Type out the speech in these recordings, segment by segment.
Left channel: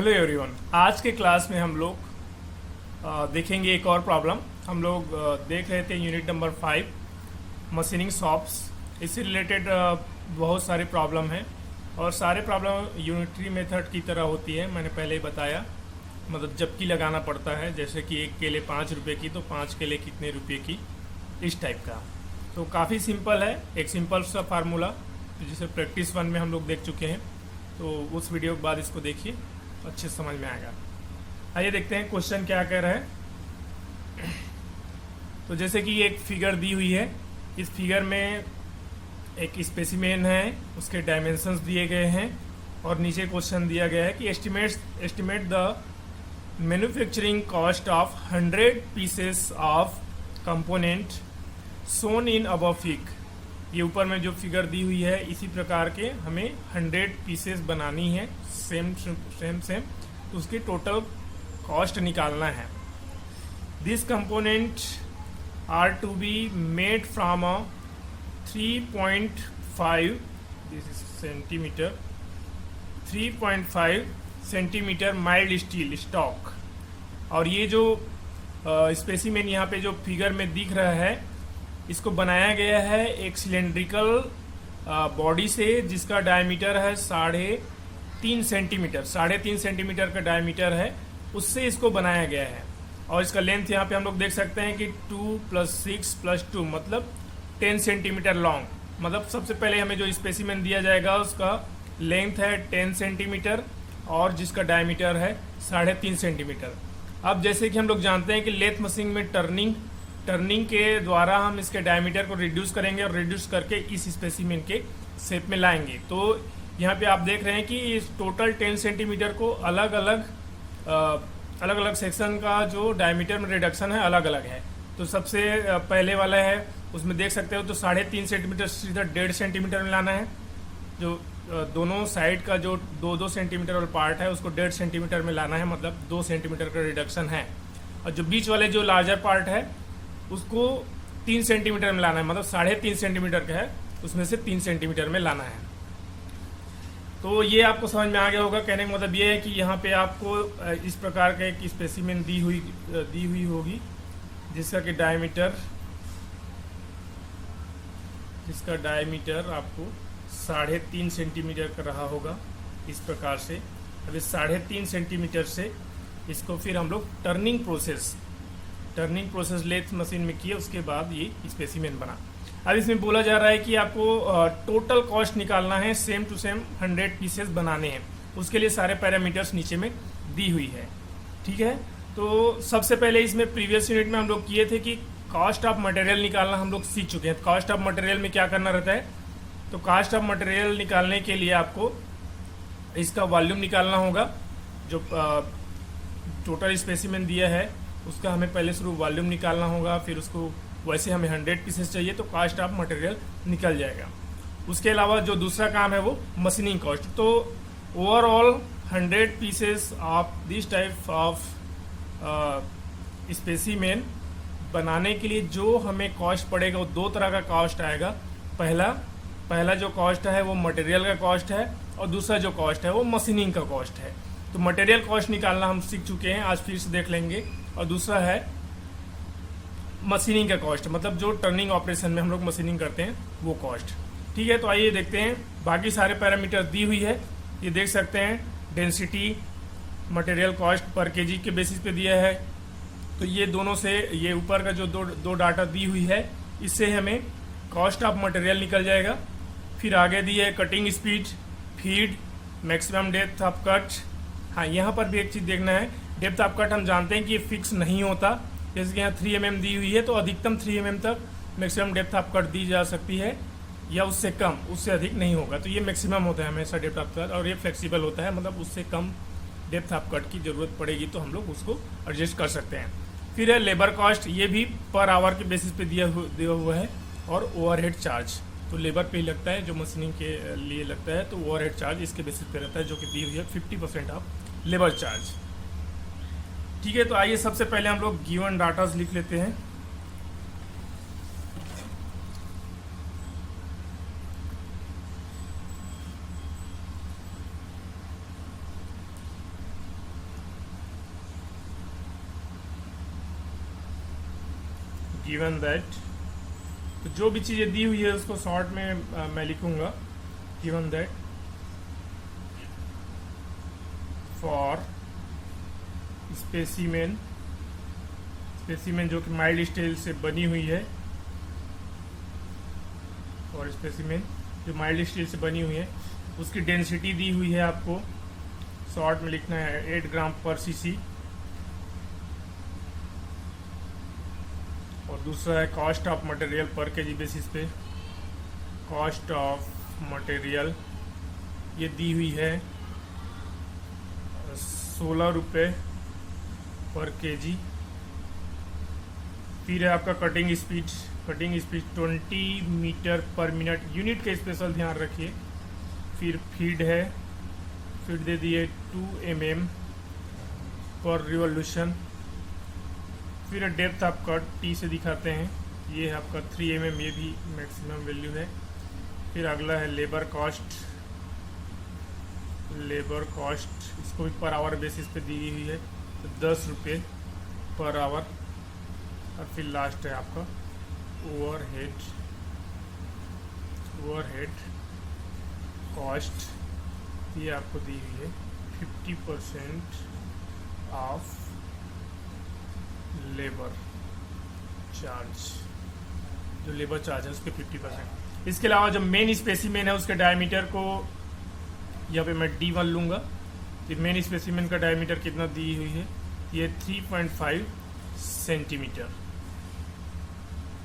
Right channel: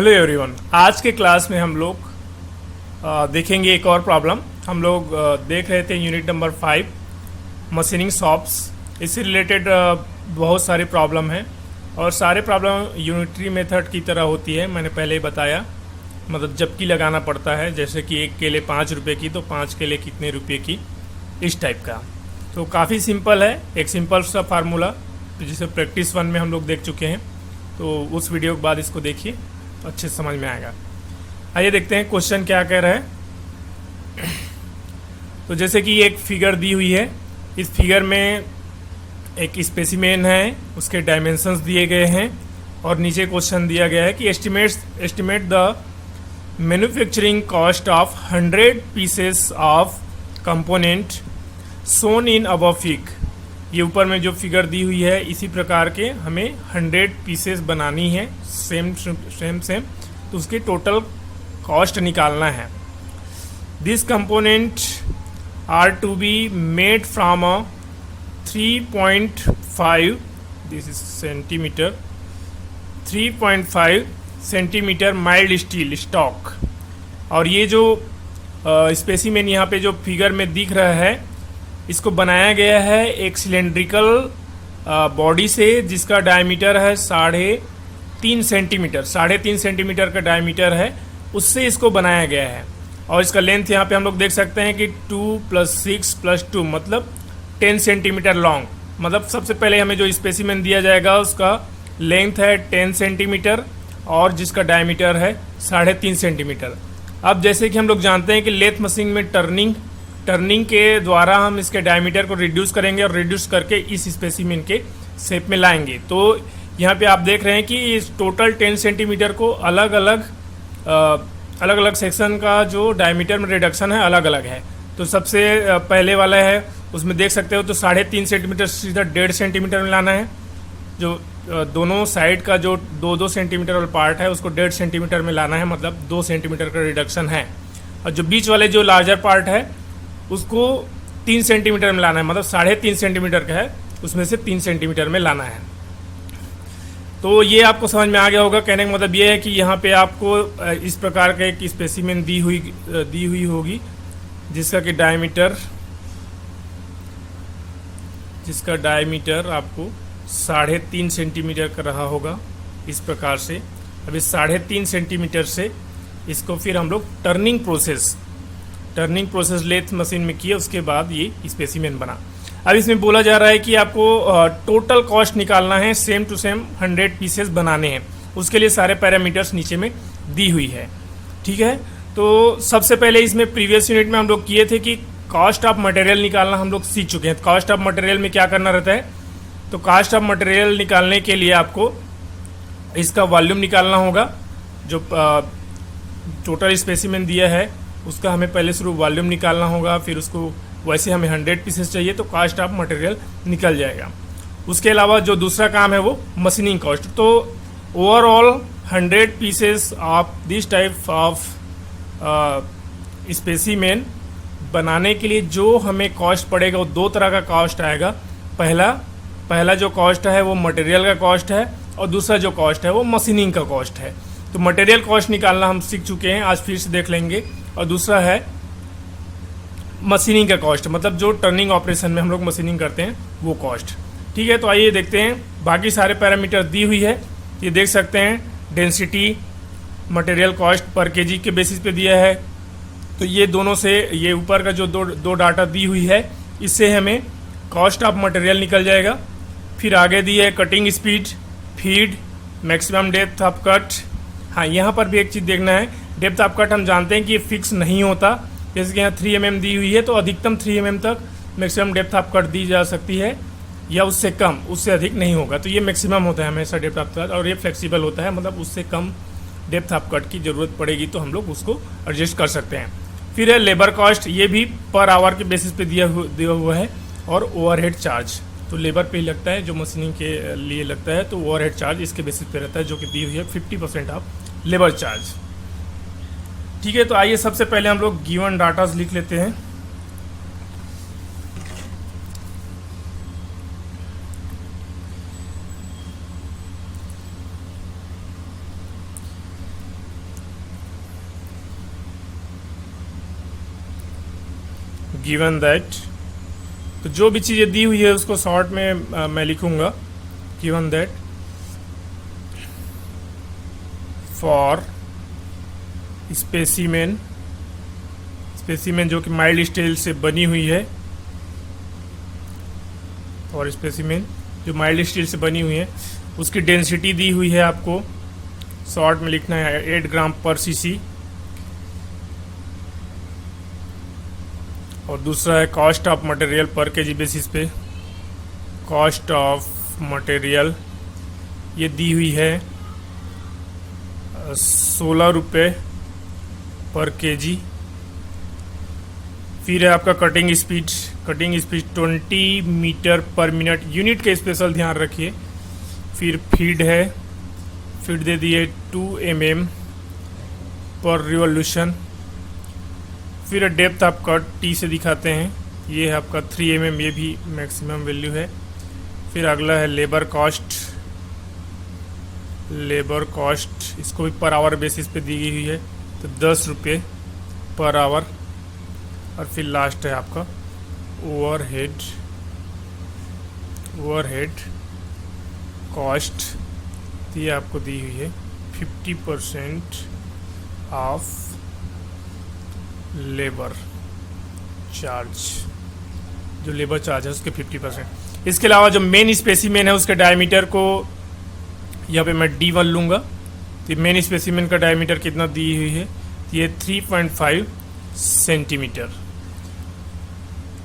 Hello everyone. आज के class में हम लोग देखेंगे एक और प्रॉब्लम। हम लोग देख रहे थे यूनिट नंबर 5 मशीनिंग शॉप्स। इससे रिलेटेड बहुत सारे प्रॉब्लम हैं और सारे प्रॉब्लम यूनिटरी मेथड की तरह होती है। मैंने पहले ही बताया, मतलब जबकि लगाना पड़ता है, जैसे कि एक केले 5 रुपये की तो 5 केले कितने रुपये की, इस टाइप का। तो काफ़ी सिंपल है, एक सिंपल सा फार्मूला जिसे प्रैक्टिस 1 में हम लोग देख चुके हैं। तो उस वीडियो के बाद इसको देखिए, अच्छे से समझ में आएगा। आइए देखते हैं क्वेश्चन क्या कह रहा है। तो जैसे कि एक फिगर दी हुई है, इस फिगर में एक स्पेसिमेन है, उसके डायमेंशंस दिए गए हैं और नीचे क्वेश्चन दिया गया है कि estimate the manufacturing cost of 100 pieces of component shown in above fig. ये ऊपर में जो फिगर दी हुई है, इसी प्रकार के हमें 100 पीसेस बनानी है, सेम। तो उसकी टोटल कॉस्ट निकालना है। This component are to be made from a 3.5 this is centimetre 3.5 centimetre mild steel stock. और ये जो स्पेसिमेन यहाँ पे जो फिगर में दिख रहा है, इसको बनाया गया है एक सिलेंड्रिकल बॉडी से, जिसका डायमीटर है 3.5 सेंटीमीटर। 3.5 सेंटीमीटर का डायमीटर है, उससे इसको बनाया गया है। और इसका लेंथ यहाँ पे हम लोग देख सकते हैं कि 2 + 6 + 2 मतलब 10 सेंटीमीटर लॉन्ग। मतलब सबसे पहले हमें जो स्पेसिमेन दिया जाएगा उसका लेंथ है 10 सेंटीमीटर और जिसका डायमीटर है 3.5 सेंटीमीटर। अब जैसे कि हम लोग जानते हैं कि लेथ मशीन में टर्निंग के द्वारा हम इसके डायमीटर को रिड्यूस करेंगे और रिड्यूस करके इस स्पेसिमेन के शेप में लाएंगे। तो यहाँ पे आप देख रहे हैं कि इस टोटल 10 सेंटीमीटर को अलग अलग सेक्शन का जो डायमीटर में रिडक्शन है अलग अलग है। तो सबसे पहले वाला है, उसमें देख सकते हो तो 3.5 सेंटीमीटर सीधा 1.5 सेंटीमीटर में लाना है। जो दोनों साइड का जो 2-2 सेंटीमीटर वाला पार्ट है उसको 1.5 सेंटीमीटर में लाना है, मतलब 2 सेंटीमीटर का रिडक्शन है। और जो बीच वाले जो लार्जर पार्ट है उसको 3 सेंटीमीटर में लाना है, मतलब 3.5 सेंटीमीटर का है, उसमें से 3 सेंटीमीटर में लाना है। तो ये आपको समझ में आ गया होगा। कहने का मतलब ये है कि यहाँ पे आपको इस प्रकार का एक स्पेसिमेन दी हुई होगी, जिसका डायमीटर आपको 3.5 सेंटीमीटर का रहा होगा, इस प्रकार से। अब इस 3.5 सेंटीमीटर से इसको फिर हम लोग टर्निंग प्रोसेस लेथ मशीन में किया, उसके बाद ये स्पेसिमेन बना। अब इसमें बोला जा रहा है कि आपको टोटल कॉस्ट निकालना है, सेम टू सेम 100 पीसेस बनाने हैं। उसके लिए सारे पैरामीटर्स नीचे में दी हुई है, ठीक है। तो सबसे पहले इसमें प्रीवियस यूनिट में हम लोग किए थे कि कॉस्ट ऑफ मटेरियल निकालना हम लोग सीख चुके हैं। कॉस्ट ऑफ मटेरियल में क्या करना रहता है, तो कॉस्ट ऑफ मटेरियल निकालने के लिए आपको इसका वॉल्यूम निकालना होगा। जो टोटल स्पेसिमेन दिया है उसका हमें पहले शुरू वॉल्यूम निकालना होगा, फिर उसको वैसे हमें 100 पीसेस चाहिए तो कॉस्ट ऑफ मटेरियल निकल जाएगा। उसके अलावा जो दूसरा काम है वो मशीनिंग कॉस्ट। तो overall 100 pieces of this type of specimen बनाने के लिए जो हमें कॉस्ट पड़ेगा वो 2 तरह का कॉस्ट आएगा। पहला जो कॉस्ट है वो मटेरियल का कॉस्ट है और दूसरा जो कॉस्ट है वो मशीनिंग का कॉस्ट है। तो मटेरियल कॉस्ट निकालना हम सीख चुके हैं, आज फिर से देख लेंगे। और दूसरा है मशीनिंग का कॉस्ट, मतलब जो टर्निंग ऑपरेशन में हम लोग मशीनिंग करते हैं वो कॉस्ट, ठीक है। तो आइए देखते हैं। बाकी सारे पैरामीटर दी हुई है, ये देख सकते हैं। Density, material cost per KG के बेसिस पे दिया है। तो ये दोनों से, ये ऊपर का जो दो डाटा दी हुई है, इससे हमें कॉस्ट ऑफ मटेरियल निकल जाएगा। फिर आगे दी है cutting speed, feed, maximum depth of cut. हाँ, यहाँ पर भी एक चीज़ देखना है, डेप्थ ऑफ कट हम जानते हैं कि ये फिक्स नहीं होता। जैसे कि यहाँ 3 mm दी हुई है तो अधिकतम 3 mm तक मैक्सिमम डेप्थ ऑफ कट दी जा सकती है, या उससे कम, उससे अधिक नहीं होगा। तो ये मैक्सिमम होता है हमेशा डेप्थ ऑफ कट, और ये फ्लेक्सिबल होता है, मतलब उससे कम डेप्थ ऑफ कट की ज़रूरत पड़ेगी तो हम लोग उसको एडजस्ट कर सकते हैं। फिर है लेबर कॉस्ट, ये भी पर आवर के बेसिस पे दिया हुआ है। और ओवरहेड चार्ज, तो लेबर पे ही लगता है, जो मशीनिंग के लिए लगता है, तो ओवरहेड चार्ज इसके बेसिस पे रहता है, जो कि दी हुई है 50% ऑफ लेबर चार्ज, ठीक है। तो आइए सबसे पहले हम लोग गिवन डाटाज लिख लेते हैं। गिवन दैट, तो जो भी चीज़ें दी हुई है उसको शॉर्ट में मैं लिखूंगा, given that for specimen, specimen जो कि माइल्ड स्टील से बनी हुई है, और स्पेसिमेन जो माइल्ड स्टील से बनी हुई है उसकी डेंसिटी दी हुई है, आपको शॉर्ट में लिखना है 8 ग्राम पर सीसी। और दूसरा है कॉस्ट ऑफ मटेरियल पर केजी बेसिस पे, कॉस्ट ऑफ मटेरियल ये दी हुई है 16 रुपये पर केजी। फिर है आपका cutting speed, cutting speed 20 metre per minute, unit का स्पेशल ध्यान रखिए। फिर फीड है, फीड दे दिए 2 mm पर रिवोल्यूशन। फिर डेप्थ आपका टी से दिखाते हैं, ये है आपका 3 mm, ये भी मैक्सिमम वैल्यू है। फिर अगला है लेबर कॉस्ट, लेबर कॉस्ट इसको भी पर आवर बेसिस पे दी हुई है, तो 10 रुपये पर आवर। और फिर लास्ट है आपका ओवरहेड, ओवरहेड कॉस्ट, ये आपको दी हुई है 50% ऑफ लेबर चार्ज, जो लेबर चार्ज है उसके 50%। इसके अलावा जो मेन स्पेसिमेन है उसके डायमीटर को यहाँ पे मैं D1 लूँगा, तो मेन स्पेसिमेन का डायमीटर कितना दी हुई है, ये 3.5 सेंटीमीटर।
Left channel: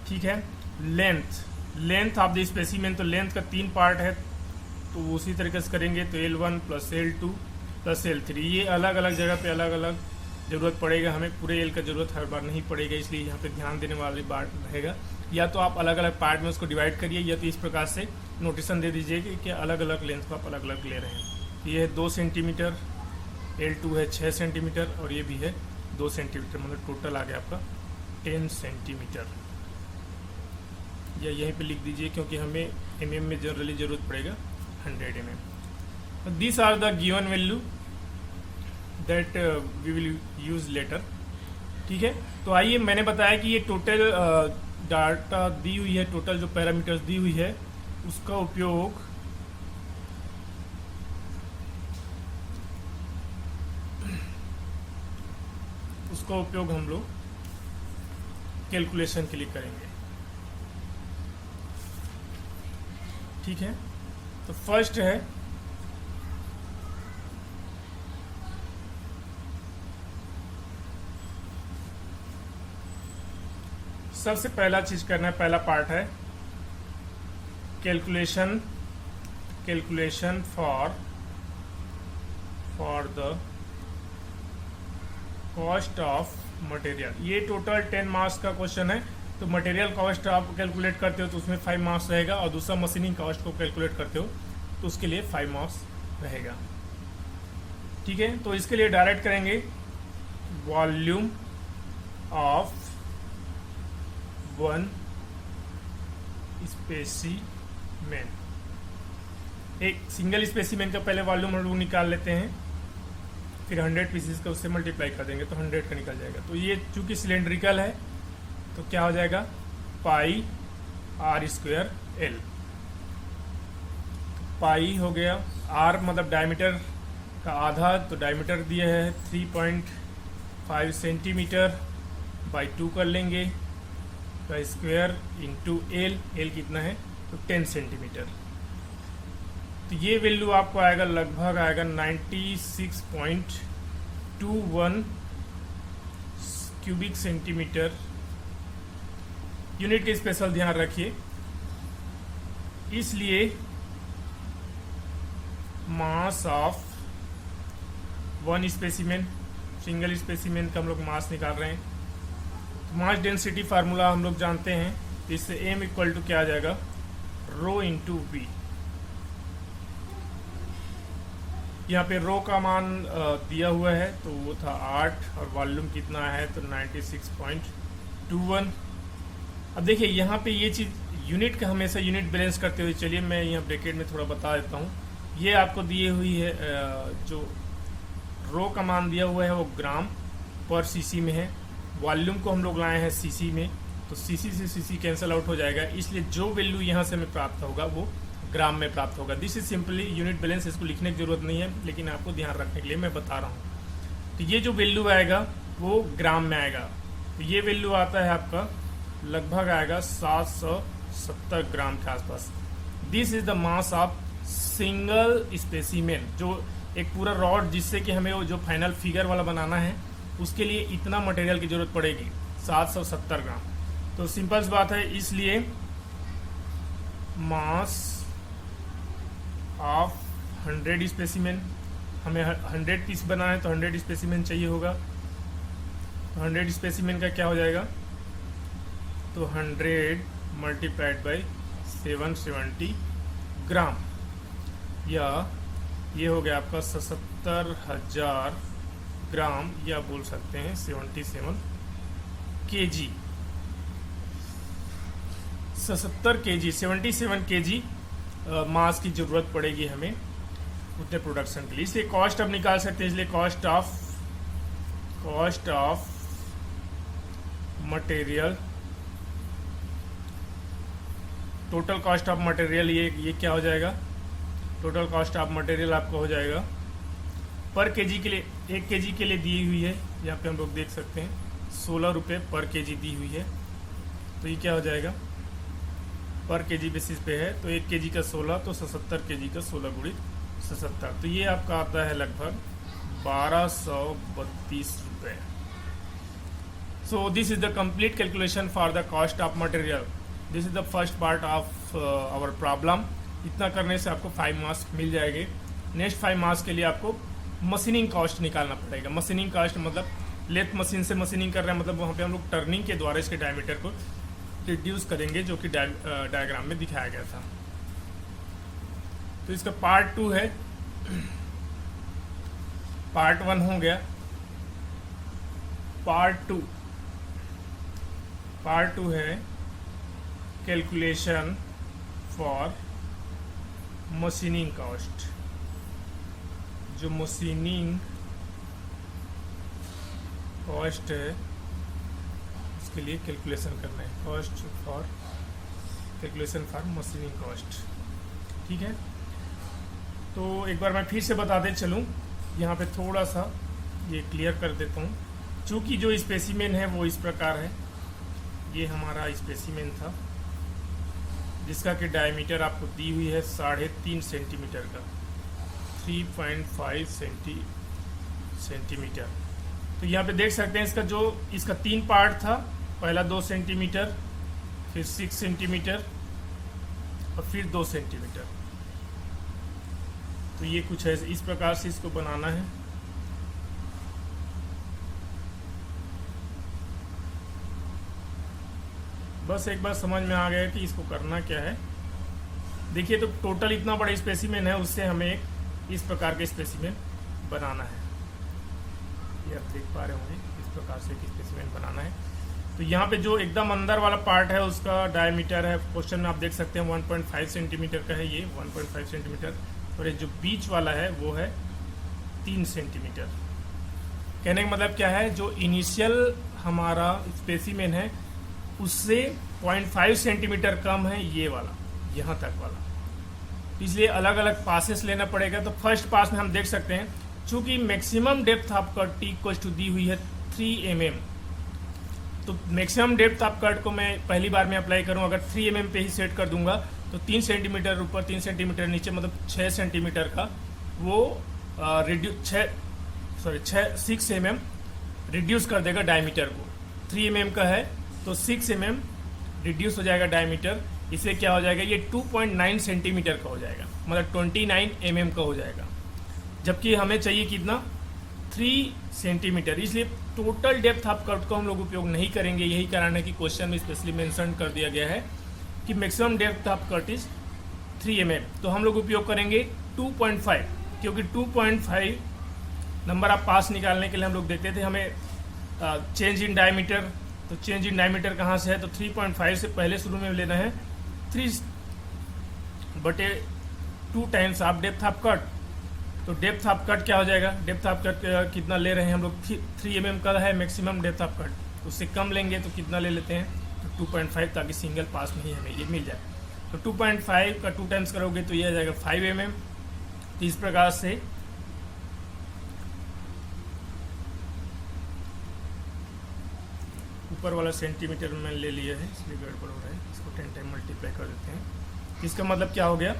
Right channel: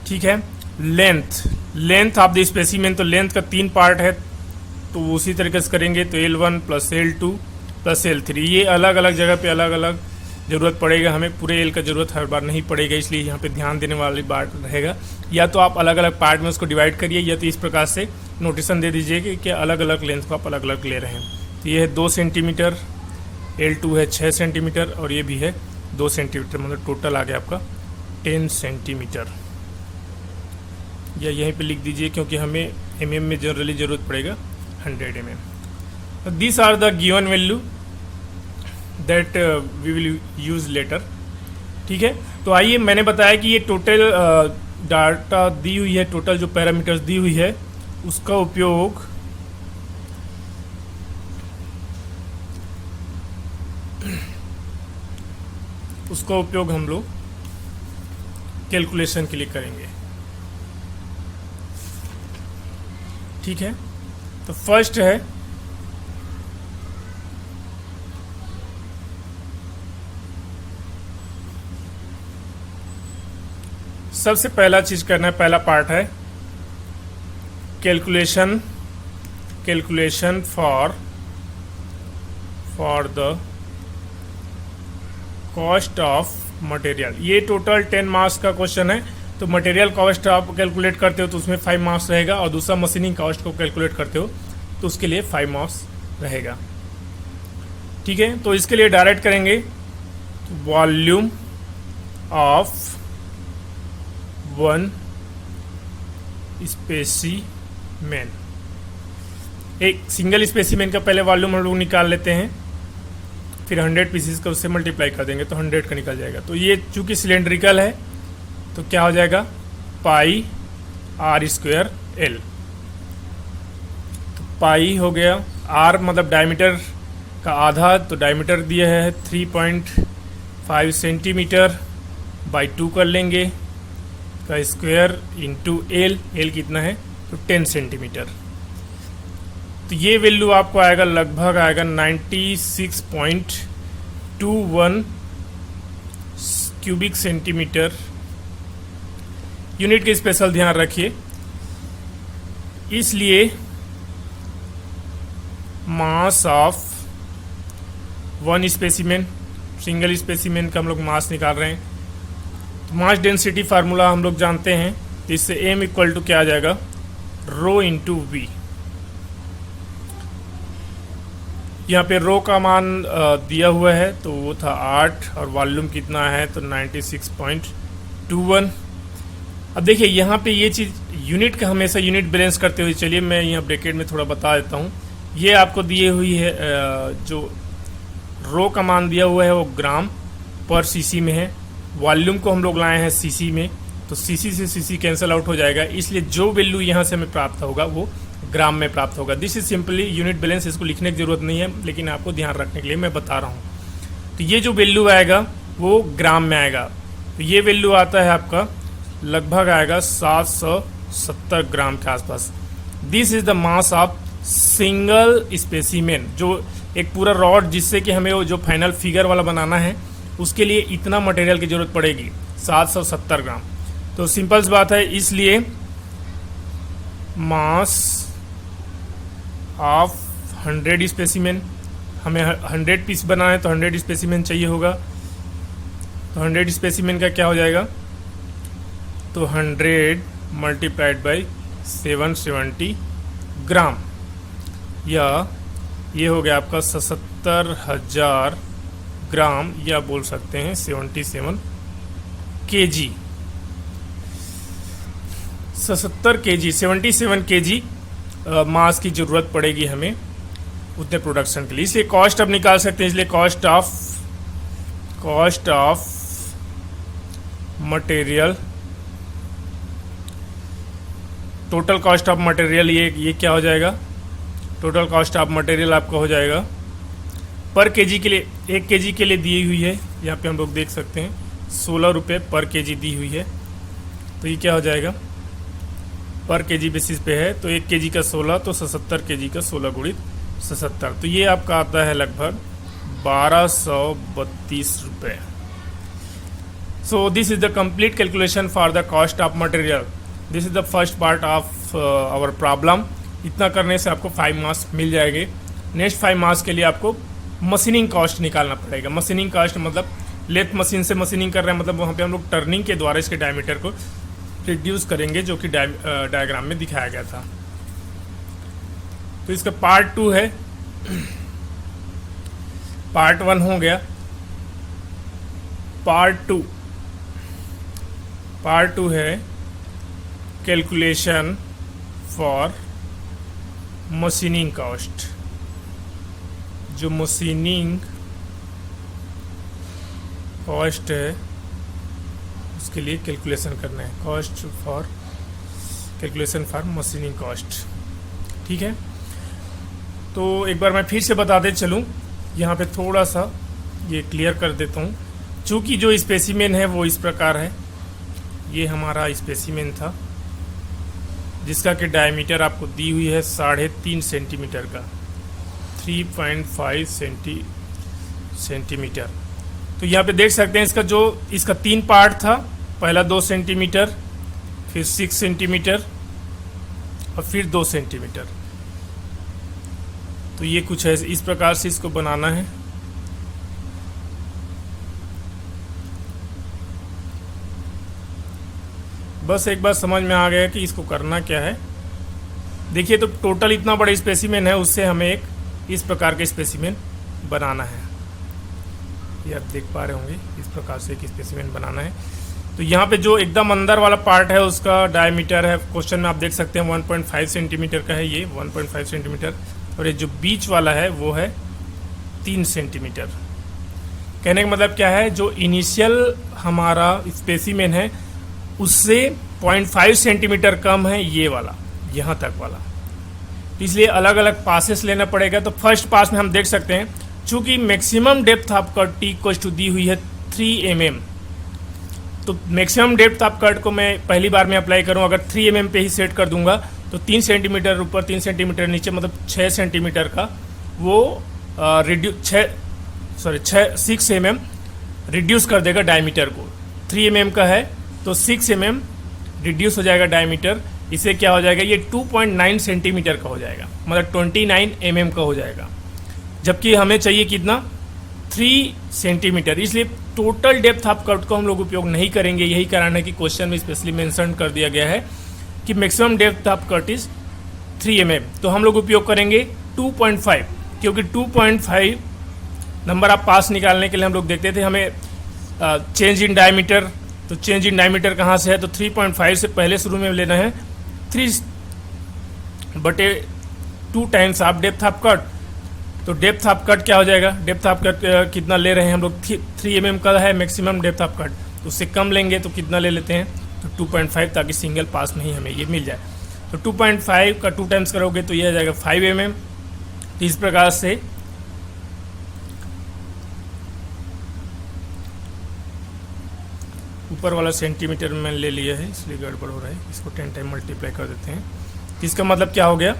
ठीक है। Length, length of the specimen, तो लेंथ का 3 पार्ट है, तो उसी तरीके से करेंगे, तो L1 + L2 + L3, ये अलग अलग जगह पे अलग अलग ज़रूरत पड़ेगा, हमें पूरे एल का ज़रूरत हर बार नहीं पड़ेगा, इसलिए यहाँ पे ध्यान देने वाली बात रहेगा। या तो आप अलग अलग पार्ट में उसको डिवाइड करिए, या तो इस प्रकार से नोटिशन दे दीजिए कि अलग अलग लेंथ को आप अलग अलग ले रहे हैं। तो ये है 2 सेंटीमीटर, L2 है 6 सेंटीमीटर, और ये भी है 2 सेंटीमीटर, मतलब टोटल आ गया आपका 10 सेंटीमीटर। या यहीं पे लिख दीजिए, क्योंकि हमें mm में जनरली ज़रूरत पड़ेगा 100 mm। This are the given value that we will use later. ठीक है। तो आइए, मैंने बताया कि ये टोटल डाटा दी हुई है, टोटल जो पैरामीटर्स दी हुई है उसका उपयोग हम लोग कैलकुलेशन के लिए करेंगे। ठीक है। तो फर्स्ट है सबसे पहला चीज करना है, पहला पार्ट है calculation, calculation for the cost of material. ये टोटल 10 मार्क्स का क्वेश्चन है, तो मटेरियल कॉस्ट आप कैलकुलेट करते हो तो उसमें 5 मार्क्स रहेगा, और दूसरा मशीनिंग कॉस्ट को कैलकुलेट करते हो तो उसके लिए 5 मार्क्स रहेगा। ठीक है। तो इसके लिए डायरेक्ट करेंगे वॉल्यूम ऑफ 1 स्पेसिमेन, एक सिंगल स्पेसिमेन का पहले वॉल्यूम हम लोग निकाल लेते हैं, फिर 100 पीसीस का उससे मल्टीप्लाई कर देंगे तो 100 का निकल जाएगा। तो ये चूंकि सिलेंड्रिकल है तो क्या हो जाएगा, पाई r² L। तो पाई हो गया, r मतलब डायमीटर का आधा, तो डायमीटर दिया है 3.5 सेंटीमीटर, बाई 2 कर लेंगे, का स्क्वायर इंटू L, L कितना है तो 10 सेंटीमीटर। तो ये वैल्यू आपको आएगा, लगभग आएगा 96.21 क्यूबिक सेंटीमीटर। यूनिट के स्पेशल ध्यान रखिए, इसलिए mass of 1 specimen, single specimen का हम लोग मास निकाल रहे हैं, तो मास डेंसिटी फार्मूला हम लोग जानते हैं, तो इससे m इक्वल टू क्या आ जाएगा, रो इंटू वी। यहाँ पे रो का मान दिया हुआ है, तो वो था 8, और वॉल्यूम कितना है तो 96.21। अब देखिए यहाँ पे ये चीज़ यूनिट का हमेशा यूनिट बैलेंस करते हुए, चलिए मैं यहाँ ब्रैकेट में थोड़ा बता देता हूँ। ये आपको दिए हुई है, जो रो का मान दिया हुआ है वो ग्राम पर सीसी में है, वॉल्यूम को हम लोग लाए हैं सीसी में, तो सीसी से सीसी कैंसिल आउट हो जाएगा, इसलिए जो वैल्यू यहाँ से हमें प्राप्त होगा वो ग्राम में प्राप्त होगा। This is simply unit balance, इसको लिखने की ज़रूरत नहीं है, लेकिन आपको ध्यान रखने के लिए मैं बता रहा हूँ। तो ये जो वैल्यू आएगा वो ग्राम में आएगा, तो ये वैल्यू आता है आपका लगभग आएगा 770 ग्राम के आसपास। This is the mass of single specimen, जो एक पूरा रॉड जिससे कि हमें वो जो फाइनल फिगर वाला बनाना है उसके लिए इतना मटेरियल की ज़रूरत पड़ेगी 770 ग्राम। तो सिंपल सी बात है, इसलिए मास ऑफ 100 स्पेसिमेन, हमें 100 पीस बनाना है तो 100 स्पेसिमेन चाहिए होगा। तो 100 स्पेसिमेन का क्या हो जाएगा, तो 100 मल्टीप्लाइड बाई 770 ग्राम, या ये हो गया आपका 77,000 ग्राम, या बोल सकते हैं 77 kg, 77 kg मास की ज़रूरत पड़ेगी हमें उतने प्रोडक्शन के लिए। इसलिए कॉस्ट अब निकाल सकते हैं, इसलिए cost of material, total cost of material, ये क्या हो जाएगा, टोटल कॉस्ट ऑफ मटेरियल आपका हो जाएगा पर केजी के लिए, 1 केजी के लिए दी हुई है, यहाँ पे हम लोग देख सकते हैं 16 रुपये पर केजी दी हुई है। तो ये क्या हो जाएगा, पर केजी बेसिस पे है, तो 1 केजी का 16, तो 77 केजी का 16 गुणित 77, तो ये आपका आता है लगभग 1232 रुपये। So this is the complete calculation for the cost of material. This is the first part of our problem. इतना करने से आपको 5 मार्क्स मिल जाएंगे। नेक्स्ट 5 मार्क्स के लिए आपको मशीनिंग कॉस्ट निकालना पड़ेगा। मशीनिंग कॉस्ट मतलब लेथ मशीन से मशीनिंग कर रहे हैं, मतलब वहाँ पे हम लोग टर्निंग के द्वारा इसके डायमीटर को रिड्यूस करेंगे, जो कि डायग्राम में दिखाया गया था। तो इसका पार्ट 2 है, पार्ट 1 हो गया, पार्ट 2 है कैलकुलेशन फॉर मशीनिंग कॉस्ट। जो मशीनिंग कॉस्ट है उसके लिए कैलकुलेशन करना है, cost for calculation for machining cost. ठीक है, तो एक बार मैं फिर से बताते चलूँ, यहाँ पे थोड़ा सा ये क्लियर कर देता हूँ। चूँकि जो स्पेसिमेन है वो इस प्रकार है, ये हमारा स्पेसिमेन था जिसका कि डायमीटर आपको दी हुई है 3.5 सेंटीमीटर का, 3.5 सेंटीमीटर। तो यहाँ पे देख सकते हैं इसका 3 पार्ट था, पहला 2 सेंटीमीटर, फिर 6 सेंटीमीटर और फिर 2 सेंटीमीटर। तो ये कुछ है, इस प्रकार से इसको बनाना है। बस एक बार समझ में आ गया कि इसको करना क्या है। देखिए, तो टोटल इतना बड़ा स्पेसिमेन है, उससे हमें एक इस प्रकार के स्पेसिमेन बनाना है। ये आप देख पा रहे होंगे, इस प्रकार से एक स्पेसिमेन बनाना है। तो यहाँ पे जो एकदम अंदर वाला पार्ट है उसका डायमीटर है, क्वेश्चन में आप देख सकते हैं 1.5 सेंटीमीटर का है, ये 1.5 सेंटीमीटर, और ये जो बीच वाला है वो है 3 सेंटीमीटर। कहने का मतलब क्या है, जो इनिशियल हमारा स्पेसिमेन है उससे 0.5 सेंटीमीटर कम है ये वाला, यहाँ तक वाला। इसलिए अलग अलग पासेस लेना पड़ेगा। तो फर्स्ट पास में हम देख सकते हैं, चूँकि maximum depth of cut T equals to दी हुई है 3 mm, तो मैक्सिमम डेप्थ ऑफ कट को मैं पहली बार में अप्लाई करूँ, अगर 3 mm पे ही सेट कर दूंगा तो 3 सेंटीमीटर ऊपर 3 सेंटीमीटर नीचे, मतलब 6 सेंटीमीटर का वो 6 mm रिड्यूस कर देगा डायमीटर को। 3 mm का है तो 6 mm रिड्यूस हो जाएगा डायमीटर। इसे क्या हो जाएगा, ये 2.9 सेंटीमीटर का हो जाएगा, मतलब 29 mm का हो जाएगा, जबकि हमें चाहिए कितना, 3 सेंटीमीटर। इसलिए टोटल डेप्थ ऑफ कट को हम लोग उपयोग नहीं करेंगे। यही कारण है कि क्वेश्चन में स्पेशली मेंशन कर दिया गया है कि maximum depth of cut is 3 mm। तो हम लोग उपयोग करेंगे 2.5, क्योंकि 2.5 नंबर ऑफ पास निकालने के लिए हम लोग देखते थे हमें चेंज इन डायमीटर। तो चेंज इन डायमीटर कहाँ से है, तो 3.5 से पहले शुरू में लेना है 3/2 times of depth of cut. तो डेप्थ ऑफ कट क्या हो जाएगा, डेप्थ ऑफ कट कितना ले रहे हैं हम लोग, 3 mm का है मैक्सिमम डेप्थ ऑफ कट, उससे कम लेंगे तो कितना ले लेते हैं, तो 2.5 ताकि सिंगल पास में ही हमें ये मिल जाए। तो 2.5 का 2 टाइम्स करोगे तो ये आ जाएगा 5 mm। तो इस प्रकार से ऊपर वाला सेंटीमीटर में ले लिया है इसलिए गड़बड़ हो रहा है, इसको 10 टाइम मल्टीप्लाई कर देते हैं। इसका मतलब क्या हो गया,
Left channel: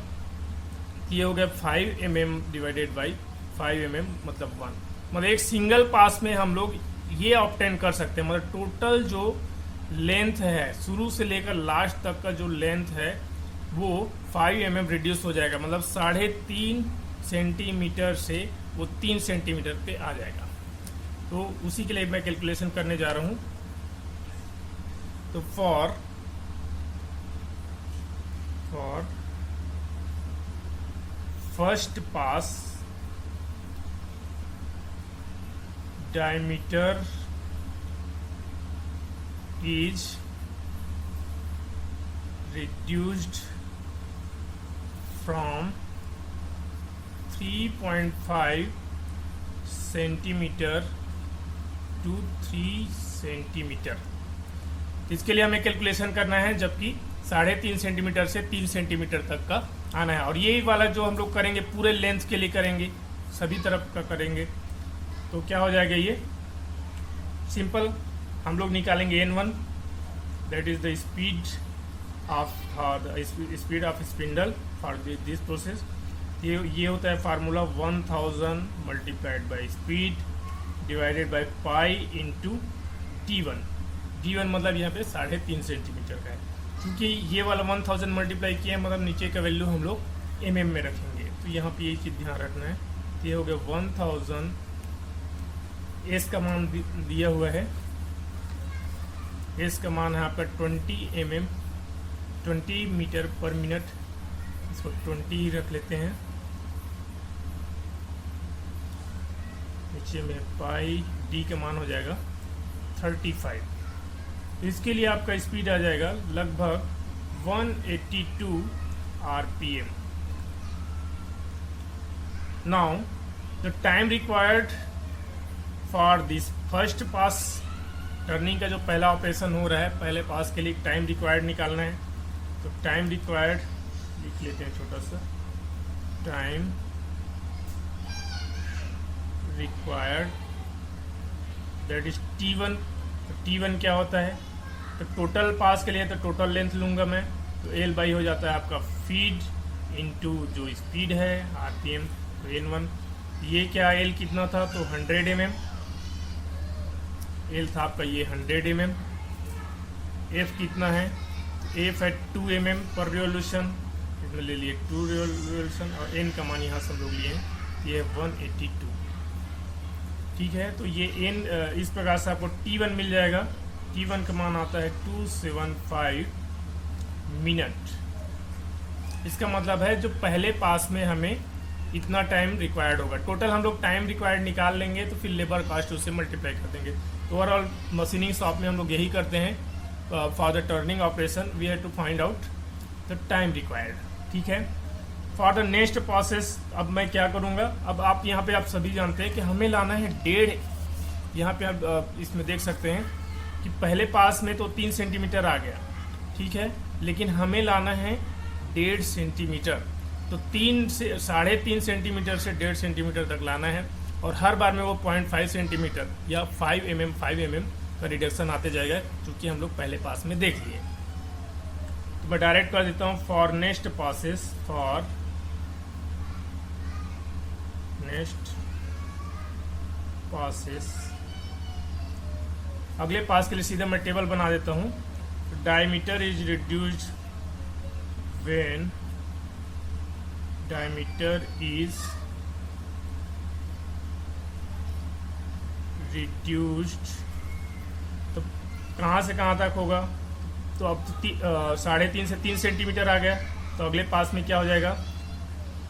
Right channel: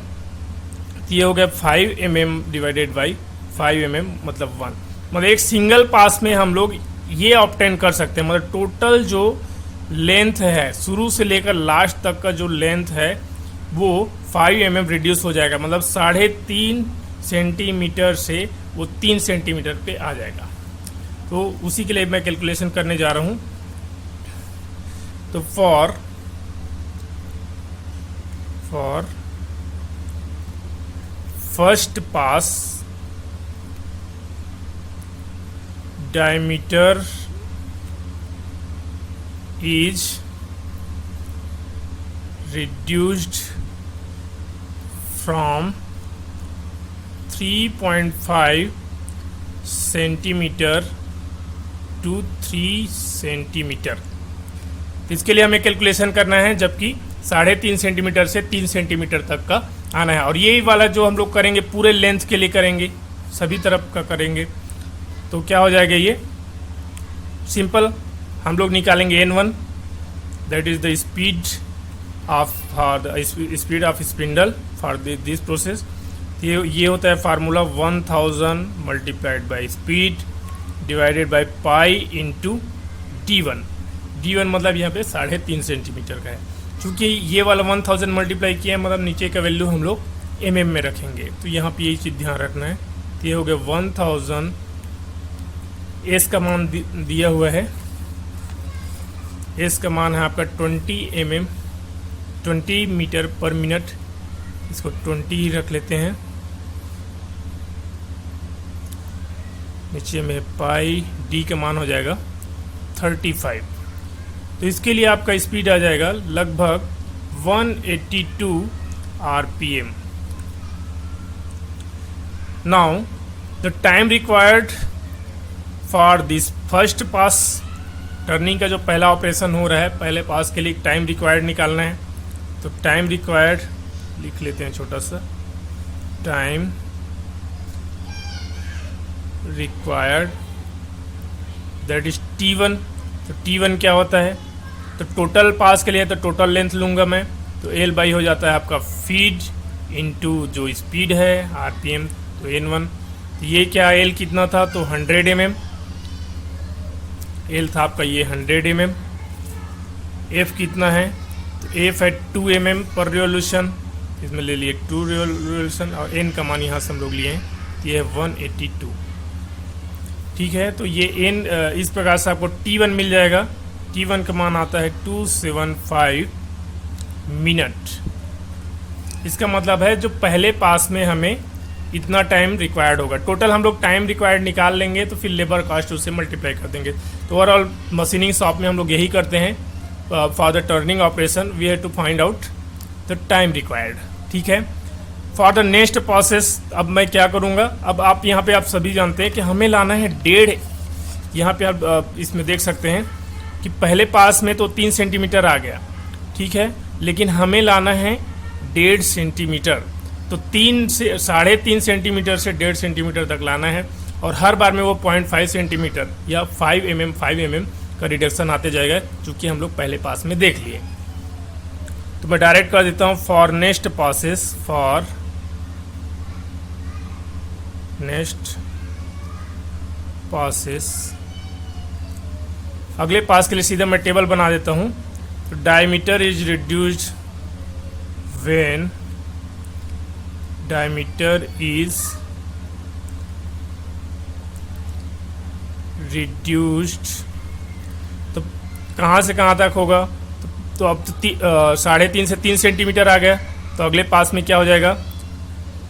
ये हो गया 5 mm डिवाइडेड बाई 5 mm मतलब 1। मतलब एक सिंगल पास में हम लोग ये ऑब्टेन कर सकते हैं। मतलब टोटल जो लेंथ है शुरू से लेकर लास्ट तक का जो लेंथ है वो 5 mm रिड्यूस हो जाएगा। मतलब 3.5 सेंटीमीटर से वो 3 सेंटीमीटर पे आ जाएगा। तो उसी के लिए मैं कैलकुलेशन करने जा रहा हूँ। तो for first pass diameter is reduced from 3.5 centimetre to 3 centimetre. इसके लिए हमें कैलकुलेशन करना है, जबकि 3.5 सेंटीमीटर से 3 सेंटीमीटर तक का आना है। और यही वाला जो हम लोग करेंगे पूरे लेंथ के लिए करेंगे, सभी तरफ का करेंगे। तो क्या हो जाएगा, ये सिंपल हम लोग निकालेंगे N1, that is the speed of spindle for this process. ये होता है formula 1000 multiplied by speed divided by pi into D1। D1 मतलब यहाँ पे 3.5 सेंटीमीटर का है। क्योंकि ये वाला 1000 मल्टीप्लाई किया है, मतलब नीचे का वैल्यू हम लोग mm में रखेंगे। तो यहाँ पे यही चीज़ ध्यान रखना है। तो ये हो गया 1000, एस का मान दिया हुआ है, एस का मान है आपका 20 mm 20 मीटर पर मिनट, इसको 20 ही रख लेते हैं। नीचे में पाई, डी का मान हो जाएगा 35। तो इसके लिए आपका स्पीड आ जाएगा लगभग 182 RPM। Now the time required for this first pass, turning का जो पहला ऑपरेशन हो रहा है, पहले पास के लिए टाइम रिक्वायर्ड निकालना है। तो टाइम रिक्वायर्ड लिख लेते हैं छोटा सा, time required that is T1। तो T1 क्या होता है, तो टोटल पास के लिए तो टोटल लेंथ लूँगा मैं, तो L बाई हो जाता है आपका फीड इंटू जो स्पीड है RPM, तो N1। ये क्या L कितना था, तो 100 mm L था आपका, ये 100 mm। F कितना है, तो F है 2 mm पर रिवोल्यूशन, इसमें ले लिए 2 रिवोल्यूशन, और N का मान यहाँ से हम लोग लिए हैं, ये है 182। ठीक है, तो ये N इस प्रकार से आपको T1 मिल जाएगा। T1 का मान आता है 275 मिनट। इसका मतलब है जो पहले पास में हमें इतना टाइम रिक्वायर्ड होगा। टोटल हम लोग टाइम रिक्वायर्ड निकाल लेंगे, तो फिर लेबर कॉस्ट उससे मल्टीप्लाई कर देंगे। तो ओवरऑल मशीनिंग शॉप में हम लोग यही करते हैं, for the turning operation we have to find out the time required. ठीक है, फॉर द नेक्स्ट प्रोसेस अब मैं क्या करूँगा, अब आप यहाँ पे आप सभी जानते हैं कि हमें लाना है 1.5। यहाँ पे आप इसमें देख सकते हैं कि पहले पास में तो 3 सेंटीमीटर आ गया, ठीक है, लेकिन हमें लाना है 1.5 सेंटीमीटर। तो 3 से 3.5 सेंटीमीटर से 1.5 सेंटीमीटर तक लाना है, और हर बार में वो 0.5 सेंटीमीटर या 5 mm का रिडक्शन आते जाएगा, चूँकि हम लोग पहले पास में देख लिए। तो मैं डायरेक्ट कर देता हूँ for next passes, for next passes, अगले पास के लिए सीधा मैं टेबल बना देता हूँ। तो diameter is reduced when diameter is reduced, तो कहाँ से कहाँ तक होगा, तो अब तो 3.5 से 3 सेंटीमीटर आ गया। तो अगले पास में क्या हो जाएगा,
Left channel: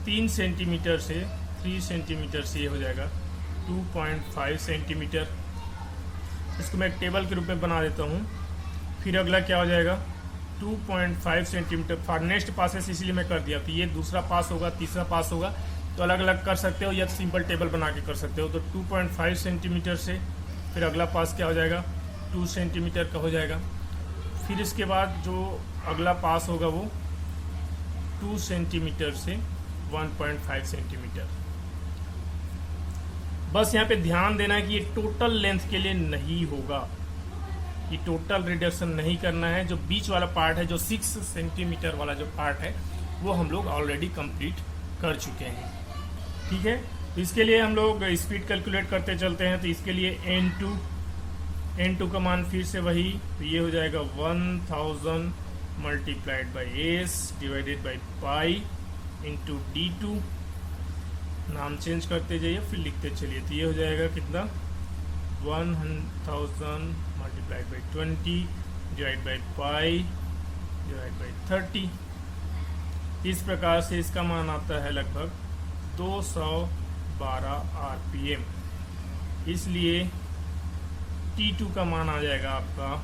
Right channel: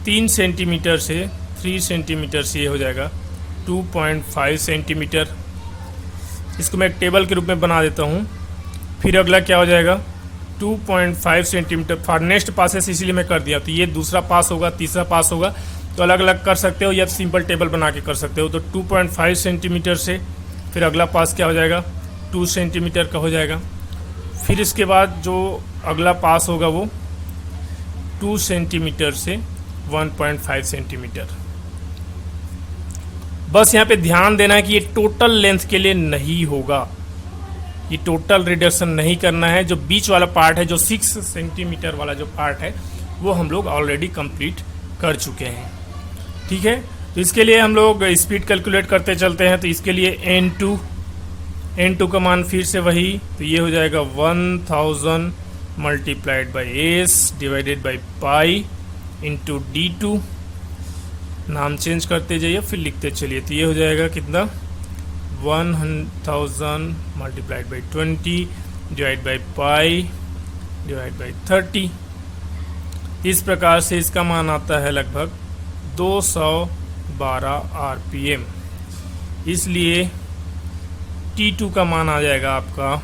3 सेंटीमीटर से 3 सेंटीमीटर से ये हो जाएगा 2.5 सेंटीमीटर। इसको मैं एक टेबल के रूप में बना देता हूँ। फिर अगला क्या हो जाएगा, 2.5 सेंटीमीटर फॉर नेक्स्ट पासेस, इसीलिए मैं कर दिया। तो ये दूसरा पास होगा, तीसरा पास होगा, तो अलग अलग कर सकते हो या सिंपल टेबल बना के कर सकते हो। तो 2.5 सेंटीमीटर से फिर अगला पास क्या हो जाएगा, 2 सेंटीमीटर का हो जाएगा। फिर इसके बाद जो अगला पास होगा वो 2 सेंटीमीटर से 1.5 सेंटीमीटर। बस यहाँ पे ध्यान देना है कि ये टोटल लेंथ के लिए नहीं होगा, ये टोटल रिडक्शन नहीं करना है। जो बीच वाला पार्ट है, जो 6 सेंटीमीटर वाला जो पार्ट है, वो हम लोग ऑलरेडी कंप्लीट कर चुके हैं। ठीक है, तो इसके लिए हम लोग स्पीड कैलकुलेट करते चलते हैं। तो इसके लिए n2 का मान फिर से वही, तो ये हो जाएगा 1000 multiplied by S divided by pi into d2। नाम चेंज करते जाइए फिर लिखते चलिए। तो ये हो जाएगा कितना, 1000 multiplied by 20 divide by pi divide by 30। इस प्रकार से इसका मान आता है लगभग 212 RPM। इसलिए T2 का मान आ जाएगा आपका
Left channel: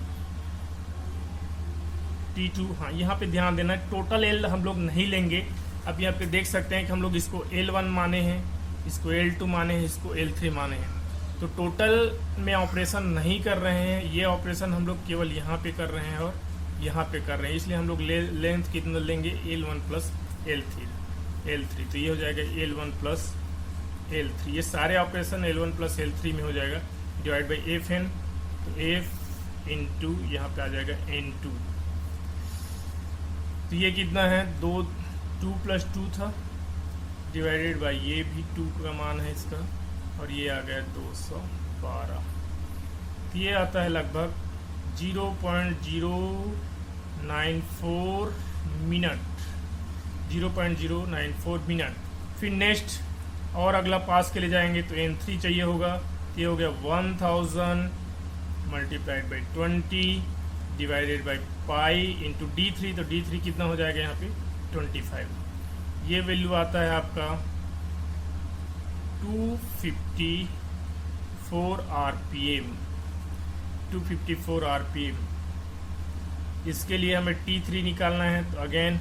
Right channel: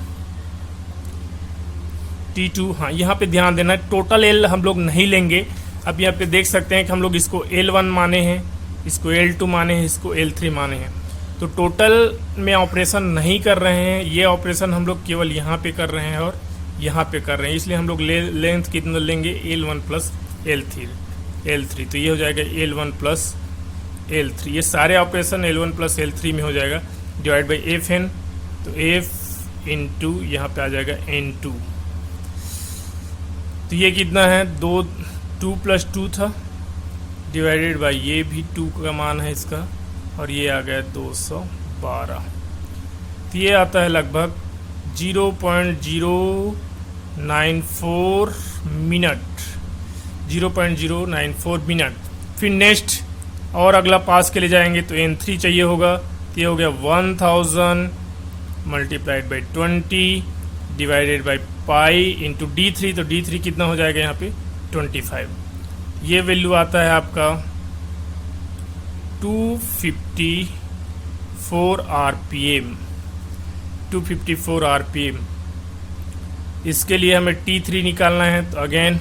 T2। हाँ, यहाँ पे ध्यान देना, टोटल L हम लोग नहीं लेंगे। अब यहाँ पे देख सकते हैं कि हम लोग इसको L1 माने हैं, इसको L2 माने हैं, इसको L3 माने हैं। तो टोटल में ऑपरेशन नहीं कर रहे हैं, ये ऑपरेशन हम लोग केवल यहाँ पे कर रहे हैं और यहाँ पे कर रहे हैं। इसलिए हम लोग लेंथ कितना लेंगे, L1 प्लस L3। तो ये हो जाएगा L1 प्लस L3। ये सारे ऑपरेशन L1 प्लस L3 में हो जाएगा, डिवाइड बाई FN। तो F इंटू यहाँ पे आ जाएगा N2। तो ये कितना है, 2 प्लस 2 था, डिवाइडेड बाई ये भी 2 का मान है इसका, और ये आ गया 212। तो ये आता है लगभग 0.094 मिनट, 0.094 मिनट। फिर नेक्स्ट और अगला पास के लिए जाएंगे तो N3 चाहिए होगा। तो ये हो गया 1000 multiplied by 20 divided by pi into D3। तो D3 कितना हो जाएगा यहाँ पे, 25। ये वैल्यू आता है आपका 254 RPM, 254 RPM। इसके लिए हमें T3 निकालना है। तो अगेन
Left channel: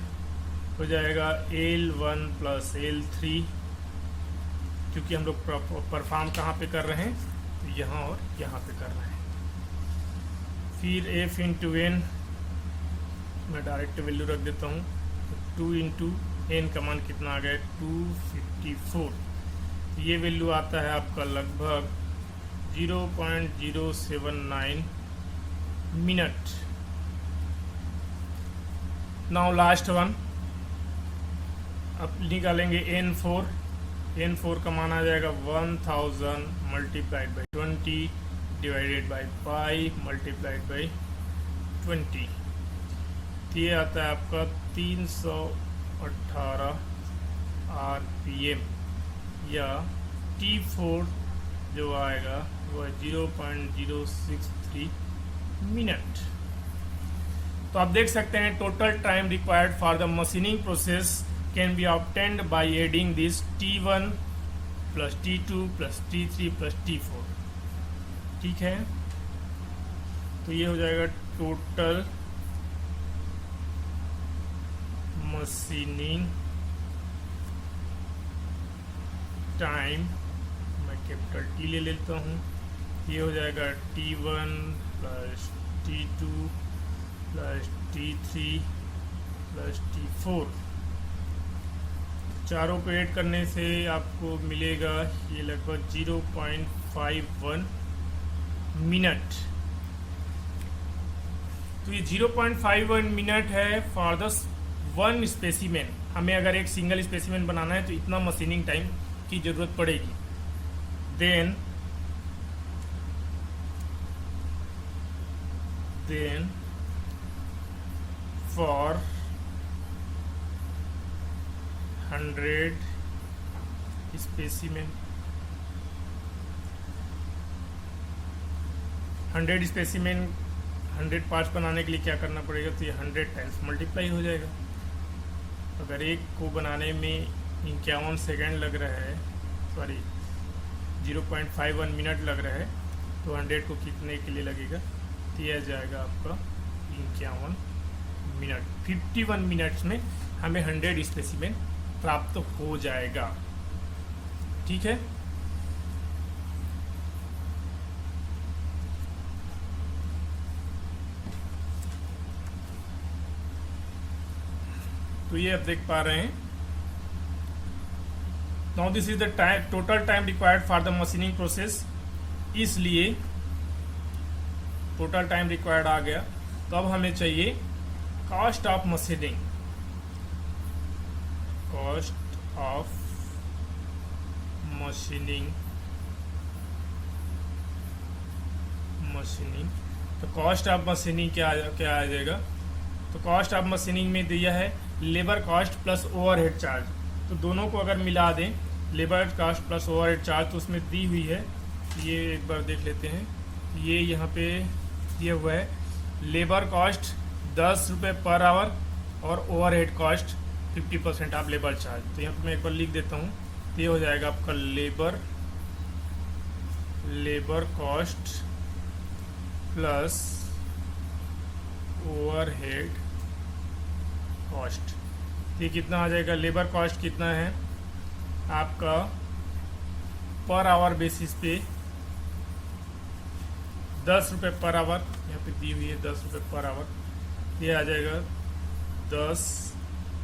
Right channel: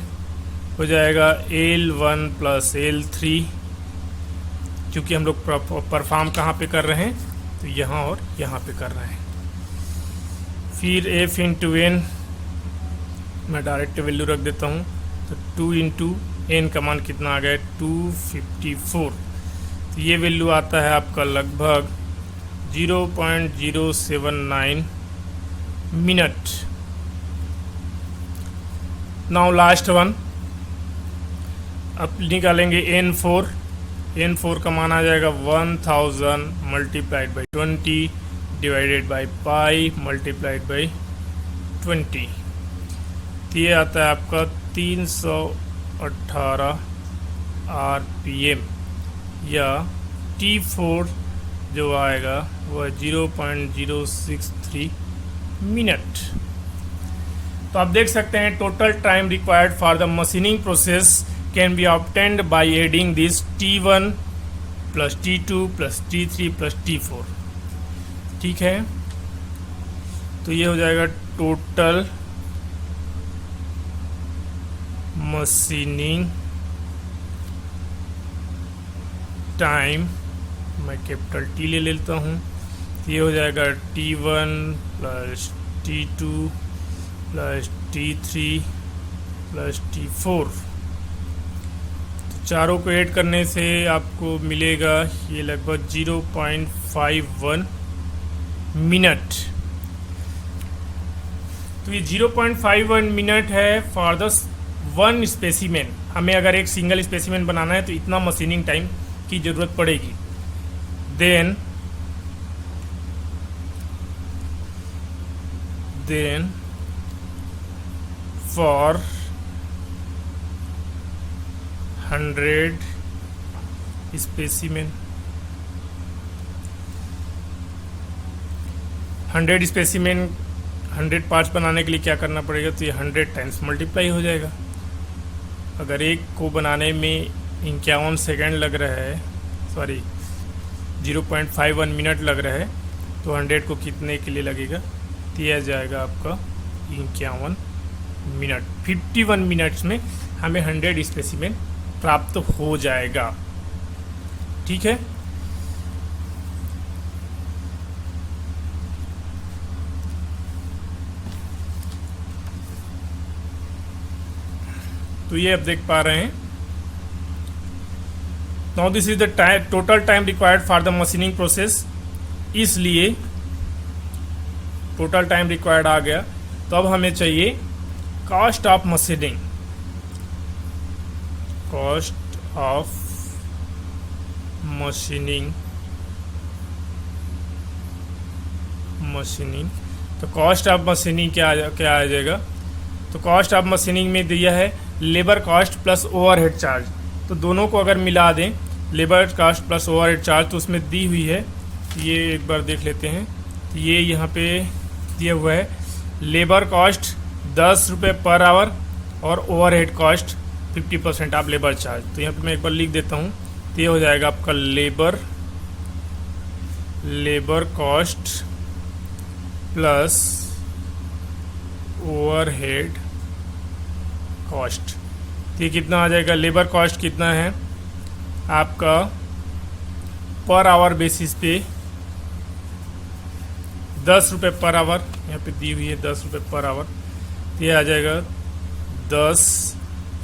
हो जाएगा L1 प्लस L3, क्योंकि हम लोग परफॉर्म कहाँ पे कर रहे हैं, तो यहाँ और यहाँ पे कर रहे हैं। फिर F इंटू N, मैं डायरेक्ट वैल्यू रख देता हूँ। तो 2 इंटू N का मान कितना आ गया, 254। तो ये वैल्यू आता है आपका लगभग 0.079 मिनट। नाउ लास्ट वन, अब निकालेंगे N4 का मान आ जाएगा 1000 multiplied by 20 divided by pi multiplied by 20। तो ये आता है आपका 318 RPM, या T4 जो आएगा वह 0.063 मिनट। तो आप देख सकते हैं total time required for the machining process can be obtained by adding this T1 plus T2 plus T3 plus T4। ठीक है, तो ये हो जाएगा टोटल मशीनिंग टाइम। मैं कैपिटल T ले लेता हूँ। ये हो जाएगा T1 plus T2 plus T3 plus T4। तो चारों को ऐड करने से आपको मिलेगा ये लगभग 0.51 मिनट। तो ये 0.51 मिनट है फॉर द वन स्पेसिमेन। हमें अगर एक सिंगल स्पेसिमेन बनाना है तो इतना मशीनिंग टाइम की ज़रूरत पड़ेगी। Then for 100 specimen, 100 specimen 100 parts बनाने के लिए क्या करना पड़ेगा, तो ये 100 टाइम्स मल्टीप्लाई हो जाएगा। अगर एक को बनाने में 51 सेकेंड लग रहा है, सॉरी 0.51 मिनट लग रहा है, तो 100 को कितने के लिए लगेगा, तो यह जाएगा आपका 51 मिनट। 51 मिनट्स में हमें 100 स्पेसिमेन प्राप्त हो जाएगा। ठीक है, तो ये आप देख पा रहे हैं। Now this is the total time required for the machining process, इसलिए टोटल टाइम रिक्वायर्ड आ गया। तो अब हमें चाहिए cost of machining, cost of machining, तो कॉस्ट ऑफ मशीनिंग क्या आ जाएगा? तो कॉस्ट ऑफ मशीनिंग में दिया है labour cost plus overhead charge. तो दोनों को अगर मिला दें, labour cost plus overhead charge, तो उसमें दी हुई है, ये एक बार देख लेते हैं। तो ये यहाँ पे दिया हुआ है लेबर कॉस्ट 10 रुपये पर आवर और overhead cost 50% of labour charge. तो यहाँ पे मैं एक बार लिख देता हूँ। तो ये हो जाएगा आपका labour cost plus overhead cost. ये कितना आ जाएगा? लेबर कॉस्ट कितना है आपका पर आवर बेसिस पे 10 रुपये पर आवर, यहाँ पे दी हुई है 10 रुपये पर आवर। तो ये आ जाएगा 10,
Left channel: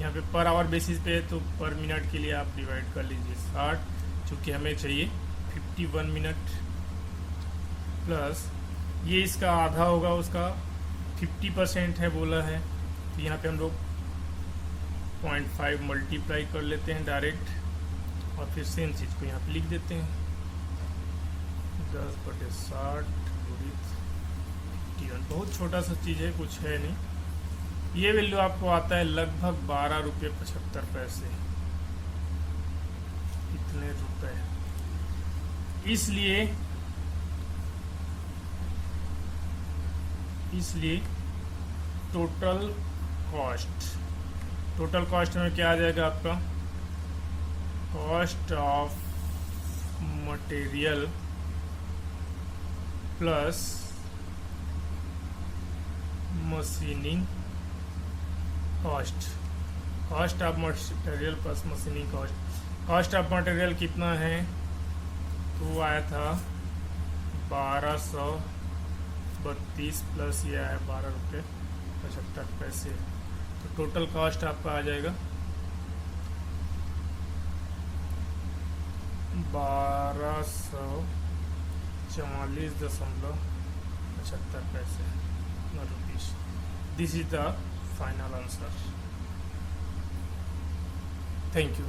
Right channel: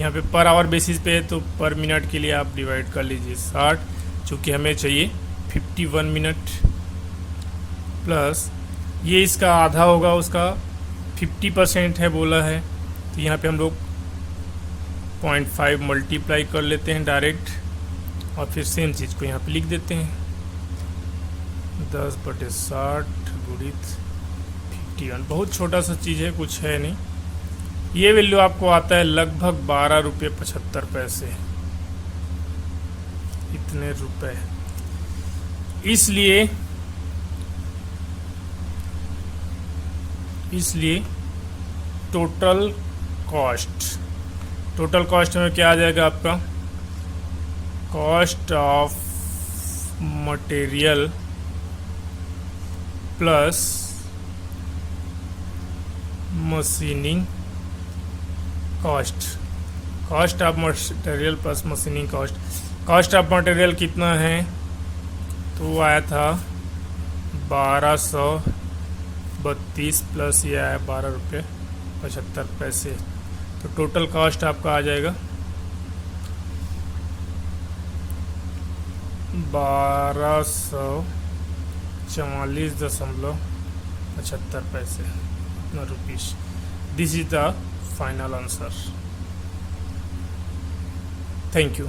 यहाँ पे पर आवर बेसिस पे, तो पर मिनट के लिए आप डिवाइड कर लीजिए 60, चूँकि हमें चाहिए 51 मिनट, प्लस ये इसका आधा होगा, उसका 50% है बोला है। तो यहाँ पे हम लोग 0.5 मल्टीप्लाई कर लेते हैं डायरेक्ट, और फिर सेम चीज़ को यहाँ पे लिख देते हैं 10/60 गुणित 51। बहुत छोटा सा चीज़ है, कुछ है नहीं। ये वैल्यू आपको आता है लगभग 12 रुपये 75 पैसे, इतने रुपए। इसलिए टोटल कॉस्ट में क्या आ जाएगा आपका? Cost of material plus machining cost, cost of material plus machining cost. Cost of material कितना है? तो वो आया था 1232 प्लस ये आया 12 रुपये 75 पैसे। तो टोटल कॉस्ट आपका आ जाएगा 1244.75 पैसे rupees. This is the final answer. Thank you.